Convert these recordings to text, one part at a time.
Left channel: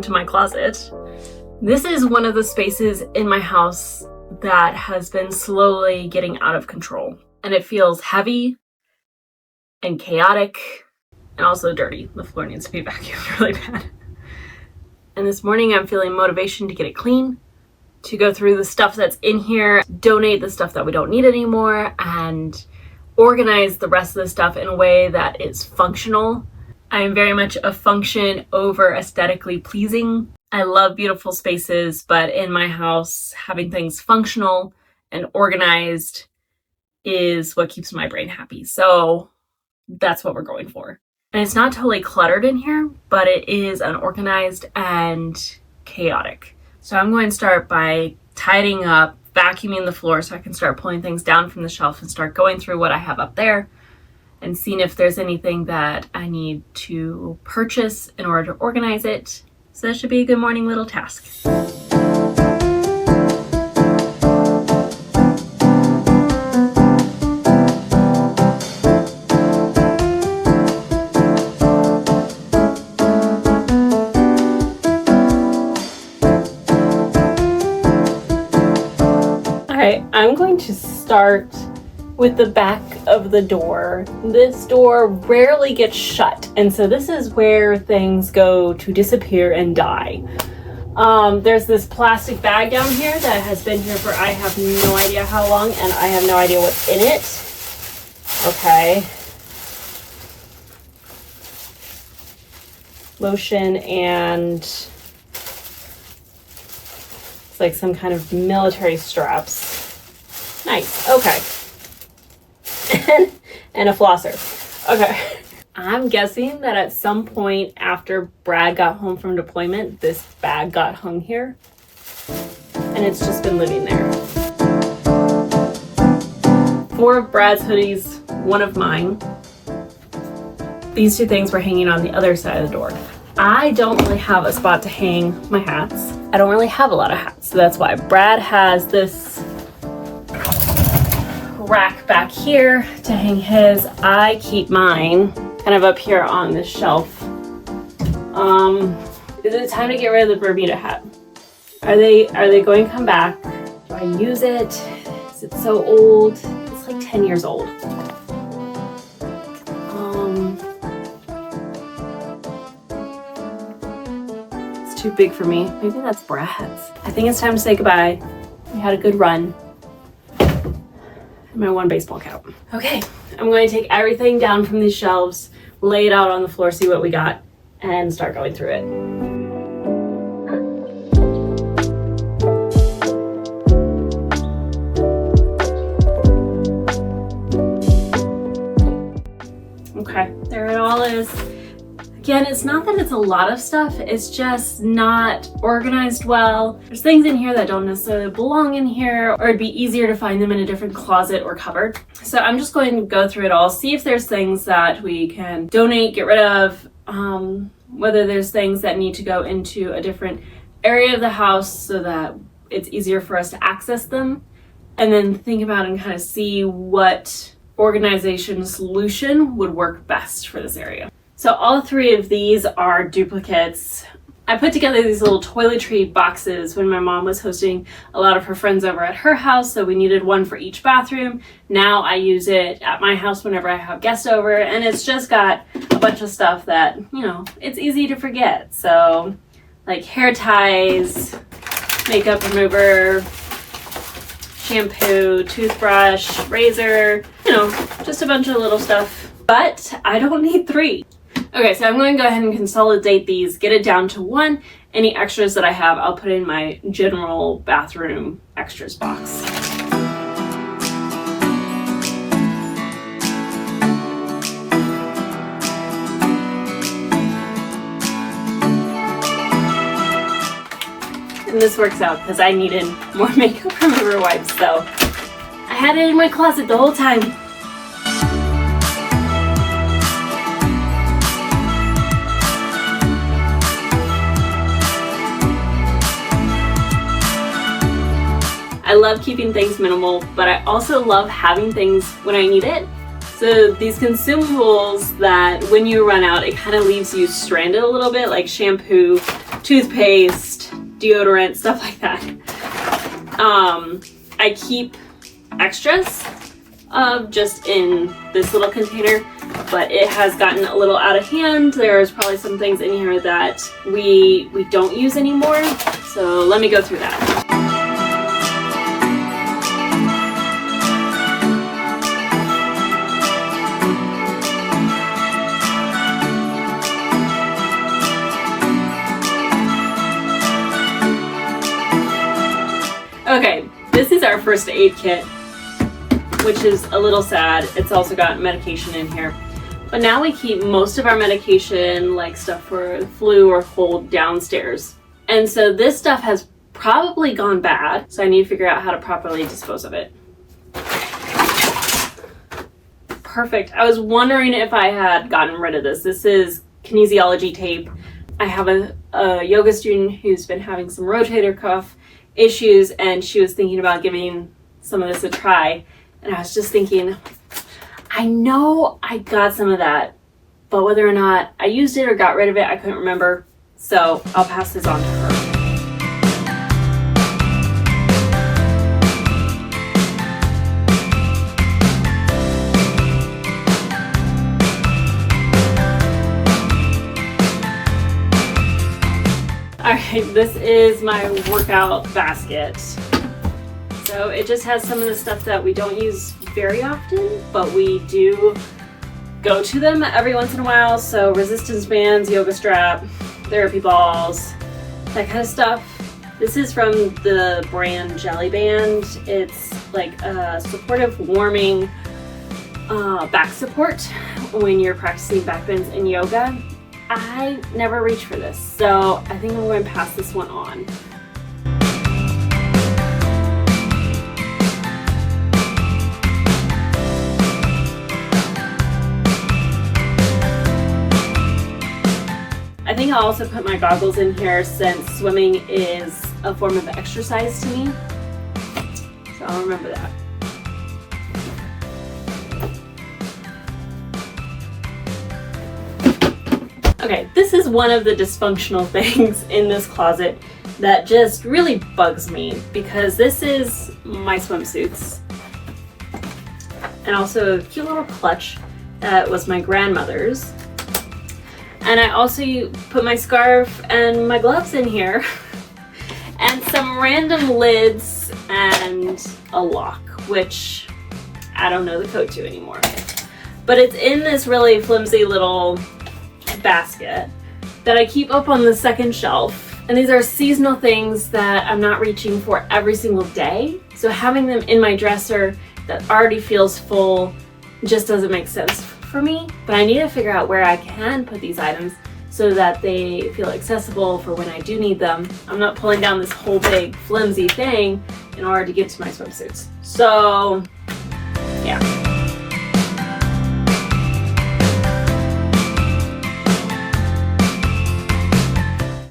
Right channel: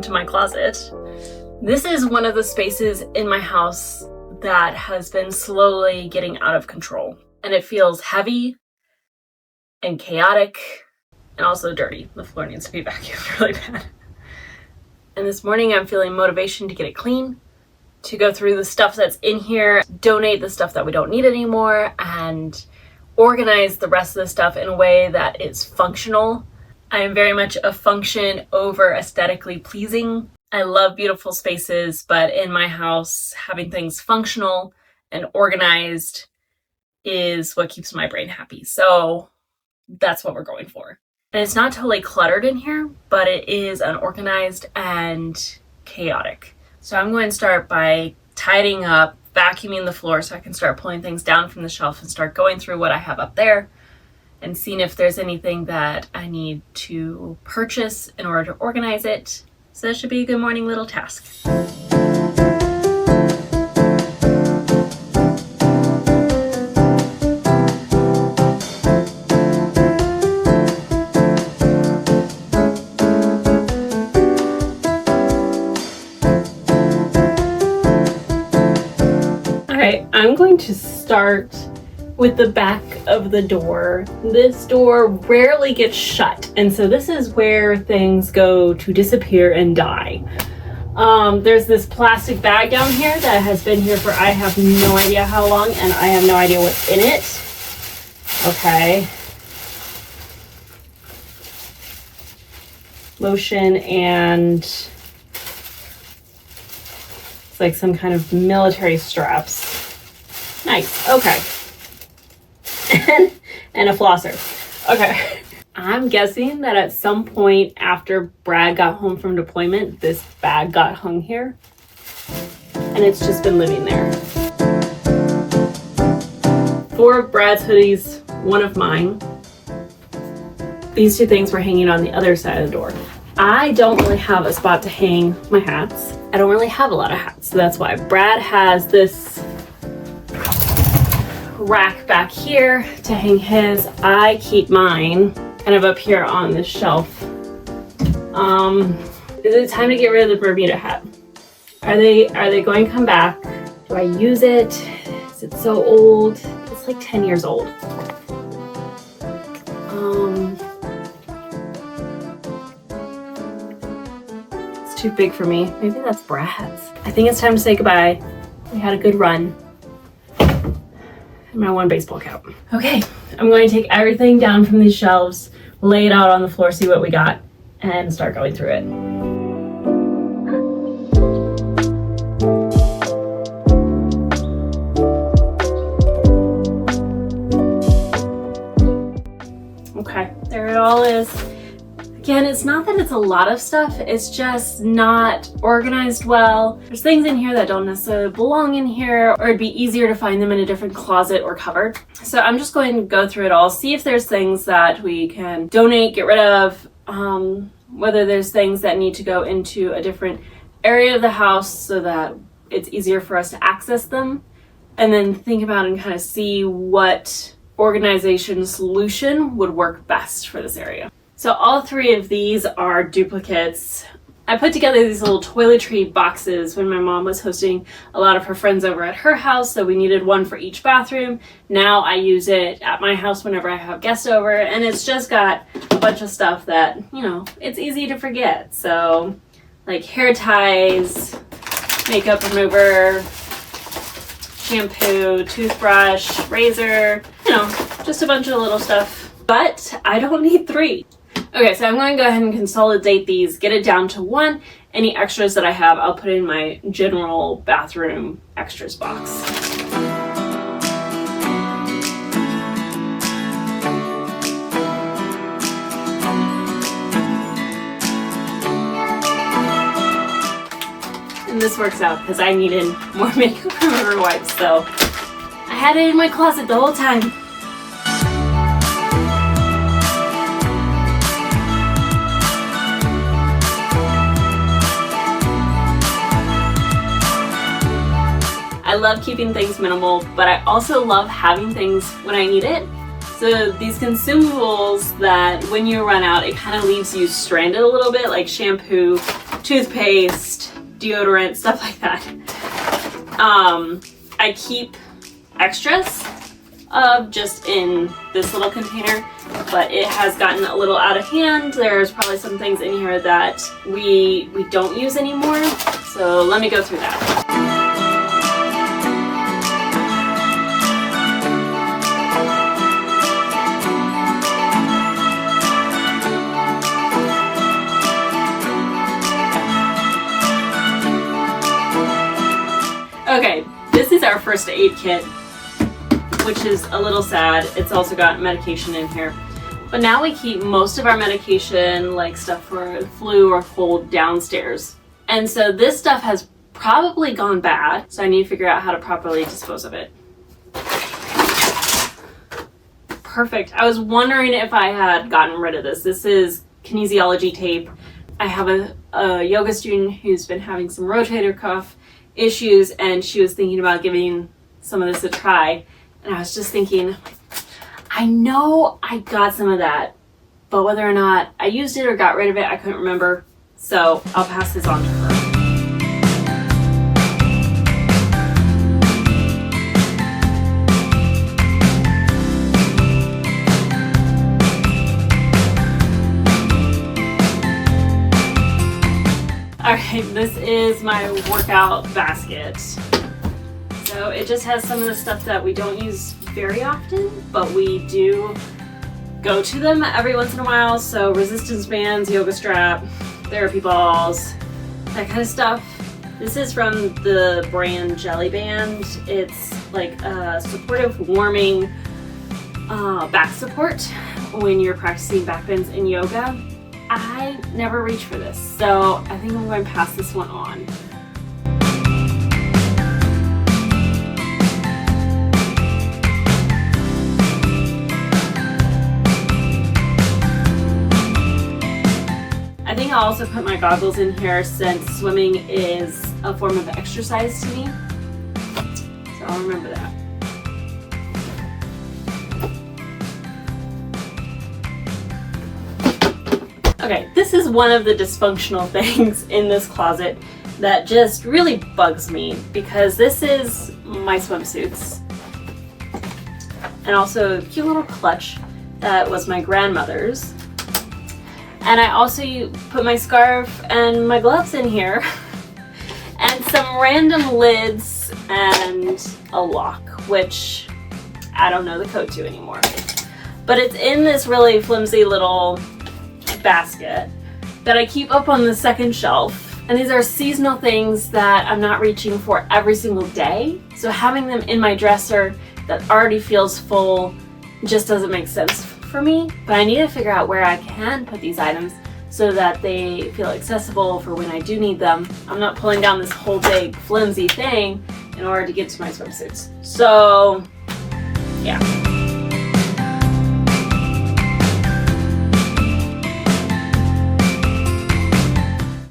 welcome to my closet. This is one of the spaces in my house that has been slowly getting out of control. And it feels heavy and chaotic and also dirty. The floor needs to be vacuumed really bad. And this morning I'm feeling motivation to get it clean, to go through the stuff that's in here, donate the stuff that we don't need anymore, and organize the rest of the stuff in a way that is functional. I am very much a function over aesthetically pleasing. I love beautiful spaces, but in my house, having things functional and organized is what keeps my brain happy. So that's what we're going for. And it's not totally cluttered in here, but it is unorganized and chaotic. So I'm going to start by tidying up, vacuuming the floor so I can start pulling things down from the shelf and start going through what I have up there and seeing if there's anything that I need to purchase in order to organize it. So that should be a good morning little task. Alright, I'm going to start with the back of the door. This door rarely gets shut, and so this is where things go to disappear and die. There's this plastic bag down here that has been here for I have no idea how long, and I have no idea what's in it. Okay. Lotion and it's like some kind of military straps. Nice. Okay. And a flosser. Okay. I'm guessing that at some point after Brad got home from deployment, this bag got hung here. And it's just been living there. 4 of Brad's hoodies, 1 of mine. These 2 things were hanging on the other side of the door. I don't really have a spot to hang my hats. I don't really have a lot of hats, so that's why. Brad has this rack back here to hang his. I keep mine kind of up here on this shelf. Is it time to get rid of the Bermuda hat? Are they going to come back? Do I use it? Is it so old? It's like 10 years old. It's too big for me. Maybe that's Brad's. I think it's time to say goodbye. We had a good run. My 1 baseball cap. Okay, I'm going to take everything down from these shelves, lay it out on the floor, see what we got, and start going through it. Okay, there it all is. Again, it's not that it's a lot of stuff, it's just not organized well. There's things in here that don't necessarily belong in here, or it'd be easier to find them in a different closet or cupboard. So I'm just going to go through it all, see if there's things that we can donate, get rid of, whether there's things that need to go into a different area of the house so that it's easier for us to access them, and then think about and kind of see what organization solution would work best for this area. So all 3 of these are duplicates. I put together these little toiletry boxes when my mom was hosting a lot of her friends over at her house, so we needed 1 for each bathroom. Now I use it at my house whenever I have guests over, and it's just got a bunch of stuff that, you know, it's easy to forget. So like hair ties, makeup remover, shampoo, toothbrush, razor, you know, just a bunch of little stuff. But I don't need 3. Okay, so I'm going to go ahead and consolidate these, get it down to 1. Any extras that I have, I'll put in my general bathroom extras box. And this works out because I needed more makeup remover wipes, so I had it in my closet the whole time. I love keeping things minimal, but I also love having things when I need it. So these consumables that when you run out, it kind of leaves you stranded a little bit, like shampoo, toothpaste, deodorant, stuff like that. I keep extras just in this little container, but it has gotten a little out of hand. There's probably some things in here that we don't use anymore. So let me go through that. Okay, this is our first aid kit, which is a little sad. It's also got medication in here. But now we keep most of our medication, like stuff for the flu or cold, downstairs. And so this stuff has probably gone bad, so I need to figure out how to properly dispose of it. Perfect. I was wondering if I had gotten rid of this. This is kinesiology tape. I have a yoga student who's been having some rotator cuff issues, and she was thinking about giving some of this a try. And I was just thinking, I know I got some of that, but whether or not I used it or got rid of it, I couldn't remember. So I'll pass this on to her. Alright, this is my workout basket. So it just has some of the stuff that we don't use very often, but we do go to them every once in a while. So resistance bands, yoga strap, therapy balls, that kind of stuff. This is from the brand Jelly Band. It's like a supportive, warming back support when you're practicing back bends in yoga. I never reach for this, so I think I'm going to pass this one on. I think I'll also put my goggles in here since swimming is a form of exercise to me. So I'll remember that. Okay, this is one of the dysfunctional things in this closet that just really bugs me, because this is my swimsuits and also a cute little clutch that was my grandmother's. And I also put my scarf and my gloves in here and some random lids and a lock, which I don't know the code to anymore. But it's in this really flimsy little basket that I keep up on the second shelf. And these are seasonal things that I'm not reaching for every single day. So having them in my dresser that already feels full just doesn't make sense for me. But I need to figure out where I can put these items so that they feel accessible for when I do need them. I'm not pulling down this whole big flimsy thing in order to get to my swimsuits. So yeah.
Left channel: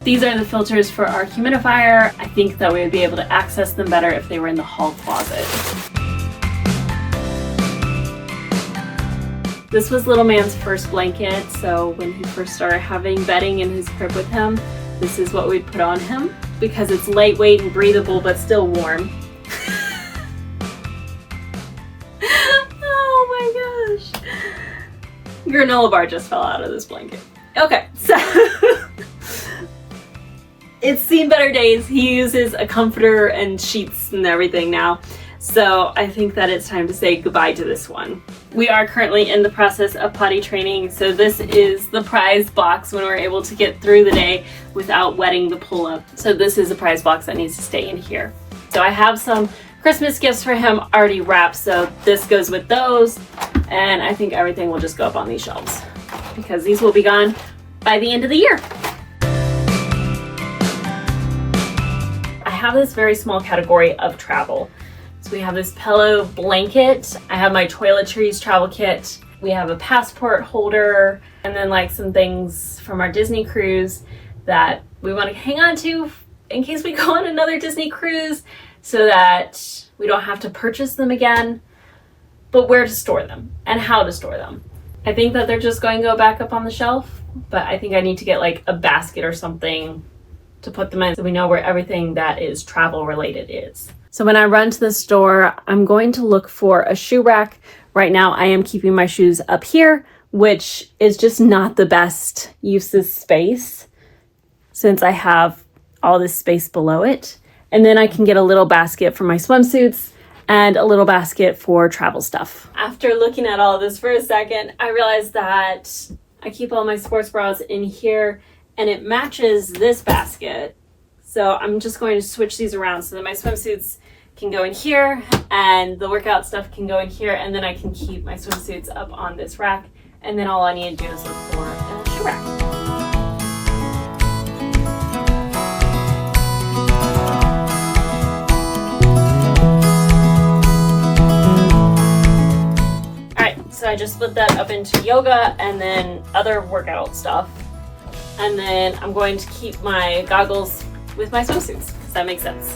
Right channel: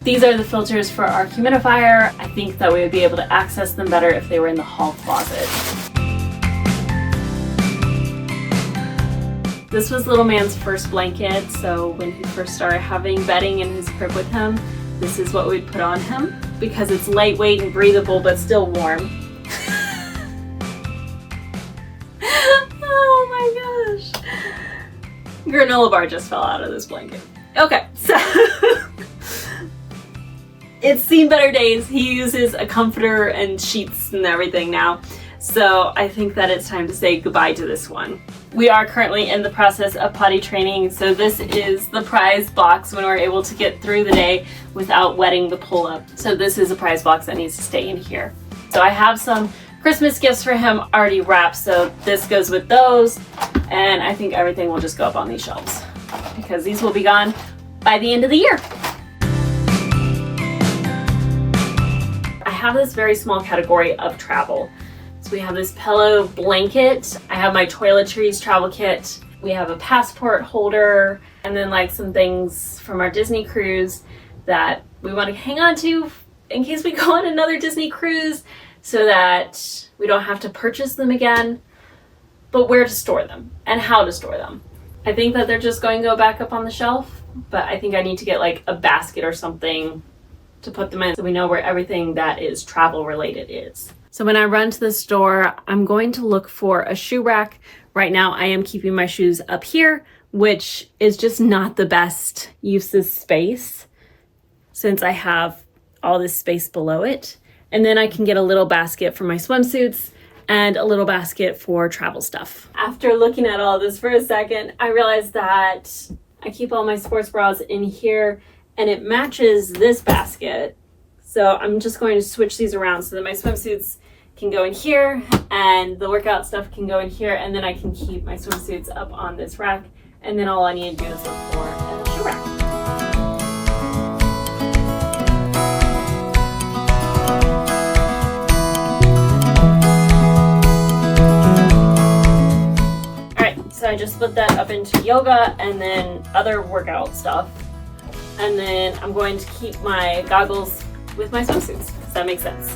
These are the filters for our humidifier. I think that we would be able to access them better if they were in the hall closet. This was little man's first blanket, so when he first started having bedding in his crib with him, this is what we'd put on him because it's lightweight and breathable but still warm. Oh my gosh. Granola bar just fell out of this blanket. Okay, so it's seen better days. He uses a comforter and sheets and everything now. So I think that it's time to say goodbye to this one. We are currently in the process of potty training, so this is the prize box when we're able to get through the day without wetting the pull-up. So this is a prize box that needs to stay in here. So I have some Christmas gifts for him already wrapped, so this goes with those, and I think everything will just go up on these shelves because these will be gone by the end of the year. I have this very small category of travel. So we have this pillow blanket. I have my toiletries travel kit. We have a passport holder, and then like some things from our Disney cruise that we want to hang on to in case we go on another Disney cruise so that we don't have to purchase them again, but where to store them and how to store them. I think that they're just going to go back up on the shelf, but I think I need to get like a basket or something to put them in so we know where everything that is travel related is. So when I run to the store, I'm going to look for a shoe rack. Right now I am keeping my shoes up here, which is just not the best use of space since I have all this space below it. And then I can get a little basket for my swimsuits and a little basket for travel stuff. After looking at all of this for a second, I realized that I keep all my sports bras in here and it matches this basket. So I'm just going to switch these around so that my swimsuits can go in here and the workout stuff can go in here, and then I can keep my swimsuits up on this rack, and then all I need to do is look for a shoe rack. Alright, so I just split that up into yoga and then other workout stuff. And then I'm going to keep my goggles with my swimsuits. Does that make sense?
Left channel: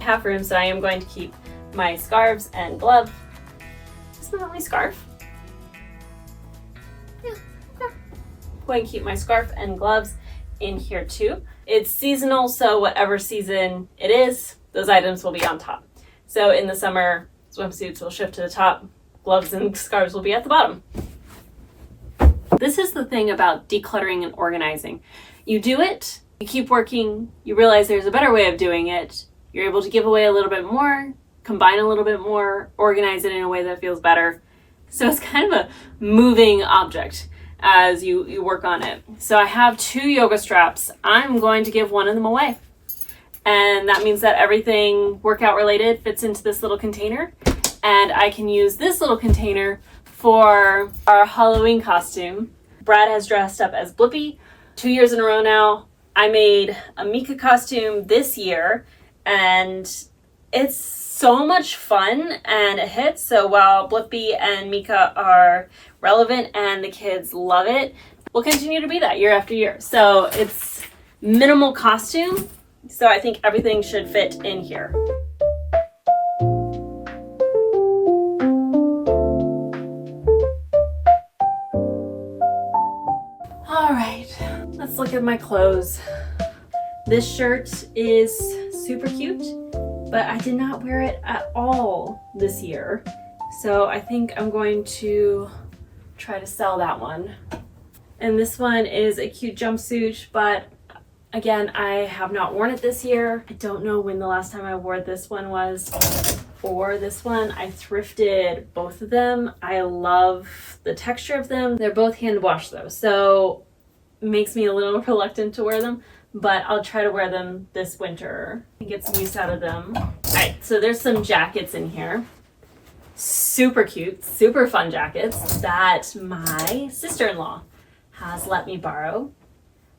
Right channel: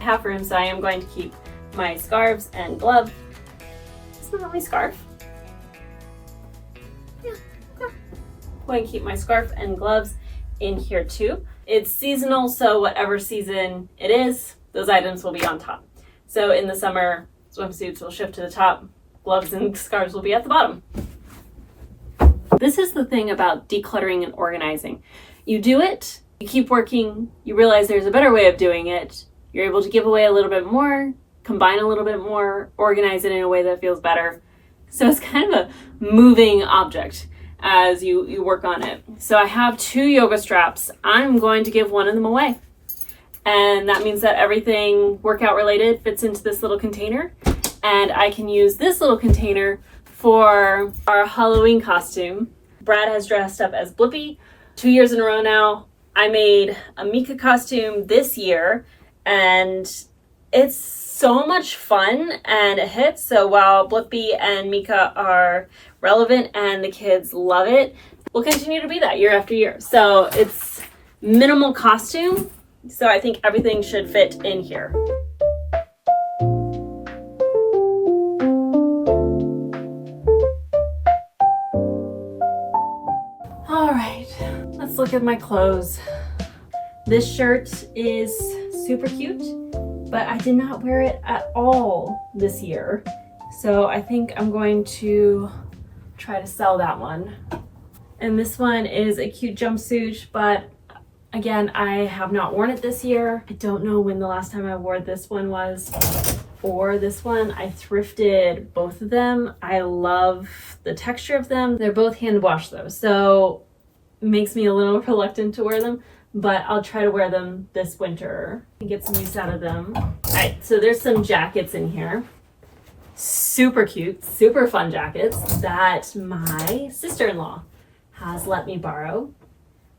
Half room, so I am going to keep my scarves and gloves. Is that the only scarf? Yeah, okay. I'm going to keep my scarf and gloves in here too. It's seasonal, so whatever season it is, those items will be on top. So in the summer, swimsuits will shift to the top, gloves and scarves will be at the bottom. This is the thing about decluttering and organizing. You do it, you keep working, you realize there's a better way of doing it, you're able to give away a little bit more, combine a little bit more, organize it in a way that feels better. So it's kind of a moving object as you work on it. So I have 2 yoga straps. I'm going to give one of them away. And that means that everything workout related fits into this little container. And I can use this little container for our Halloween costume. Brad has dressed up as Blippi 2 years in a row now. I made a Mika costume this year, and it's so much fun and it hits. So while Blippi and Mika are relevant and the kids love it, we'll continue to be that year after year. So it's minimal costume. So I think everything should fit in here. All right, let's look at my clothes. This shirt is super cute, but I did not wear it at all this year. So I think I'm going to try to sell that one. And this one is a cute jumpsuit, but again, I have not worn it this year. I don't know when the last time I wore this one was, or this one. I thrifted both of them. I love the texture of them. They're both hand washed though, so it makes me a little reluctant to wear them, but I'll try to wear them this winter and get some use out of them. All right, so there's some jackets in here. Super cute, super fun jackets that my sister-in-law has let me borrow.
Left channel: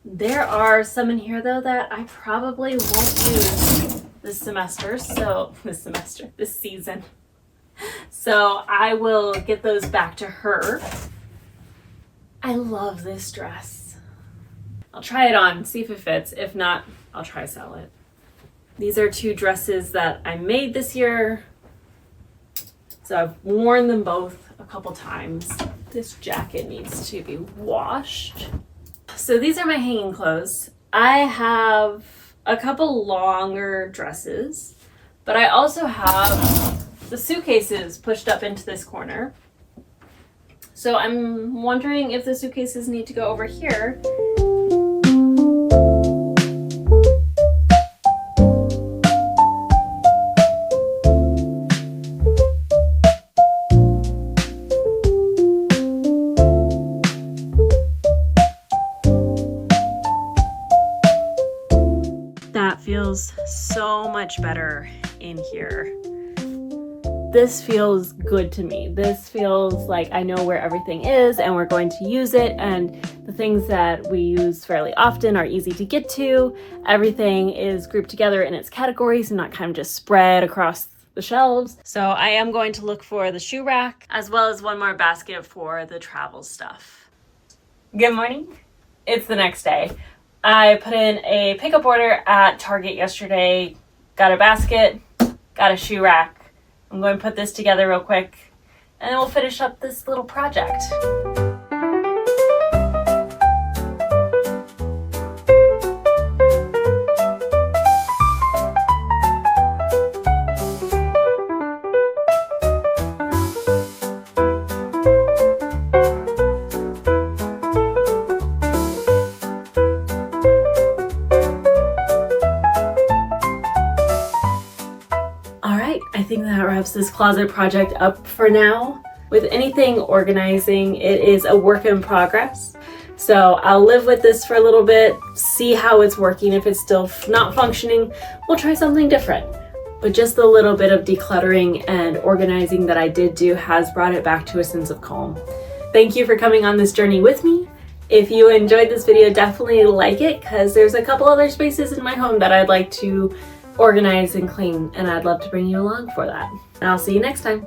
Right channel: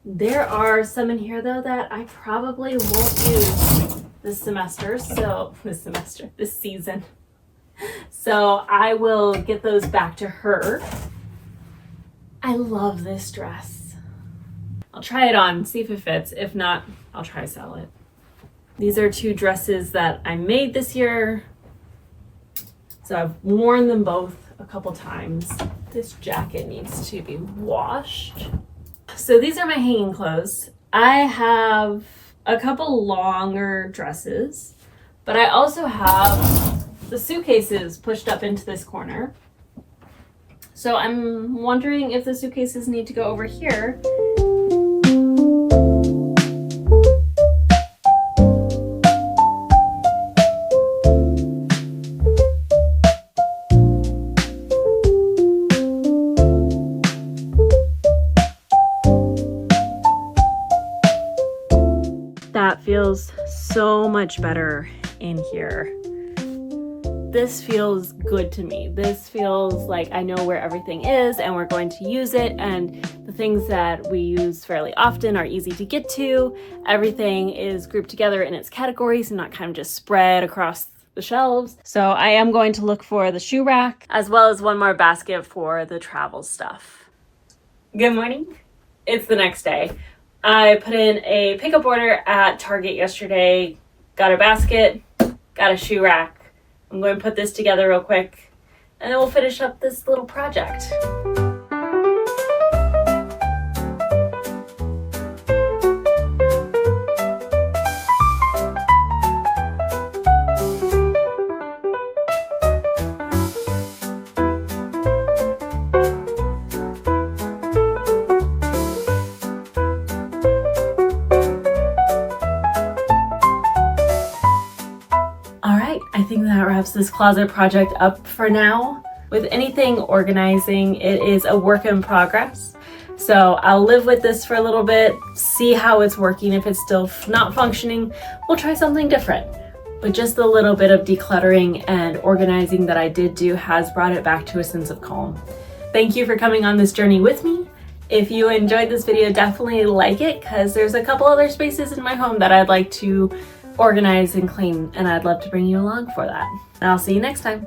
There are some in here though that I probably won't use this season. So I will get those back to her. I love this dress. I'll try it on, see if it fits. If not, I'll try sell it. These are 2 dresses that I made this year. So I've worn them both a couple times. This jacket needs to be washed. So these are my hanging clothes. I have a couple longer dresses, but I also have the suitcases pushed up into this corner. So I'm wondering if the suitcases need to go over here. That feels so much better in here. This feels good to me. This feels like I know where everything is and we're going to use it, and the things that we use fairly often are easy to get to. Everything is grouped together in its categories and not kind of just spread across the shelves. So I am going to look for the shoe rack as well as one more basket for the travel stuff. Good morning. It's the next day. I put in a pickup order at Target yesterday, got a basket, got a shoe rack. I'm going to put this together real quick and then we'll finish up this little project. I think that wraps this closet project up for now. With anything organizing, it is a work in progress. So I'll live with this for a little bit, see how it's working. If it's still not functioning, we'll try something different. But just the little bit of decluttering and organizing that I did do has brought it back to a sense of calm. Thank you for coming on this journey with me. If you enjoyed this video, definitely like it, because there's a couple other spaces in my home that I'd like to organize and clean, and I'd love to bring you along for that. And I'll see you next time.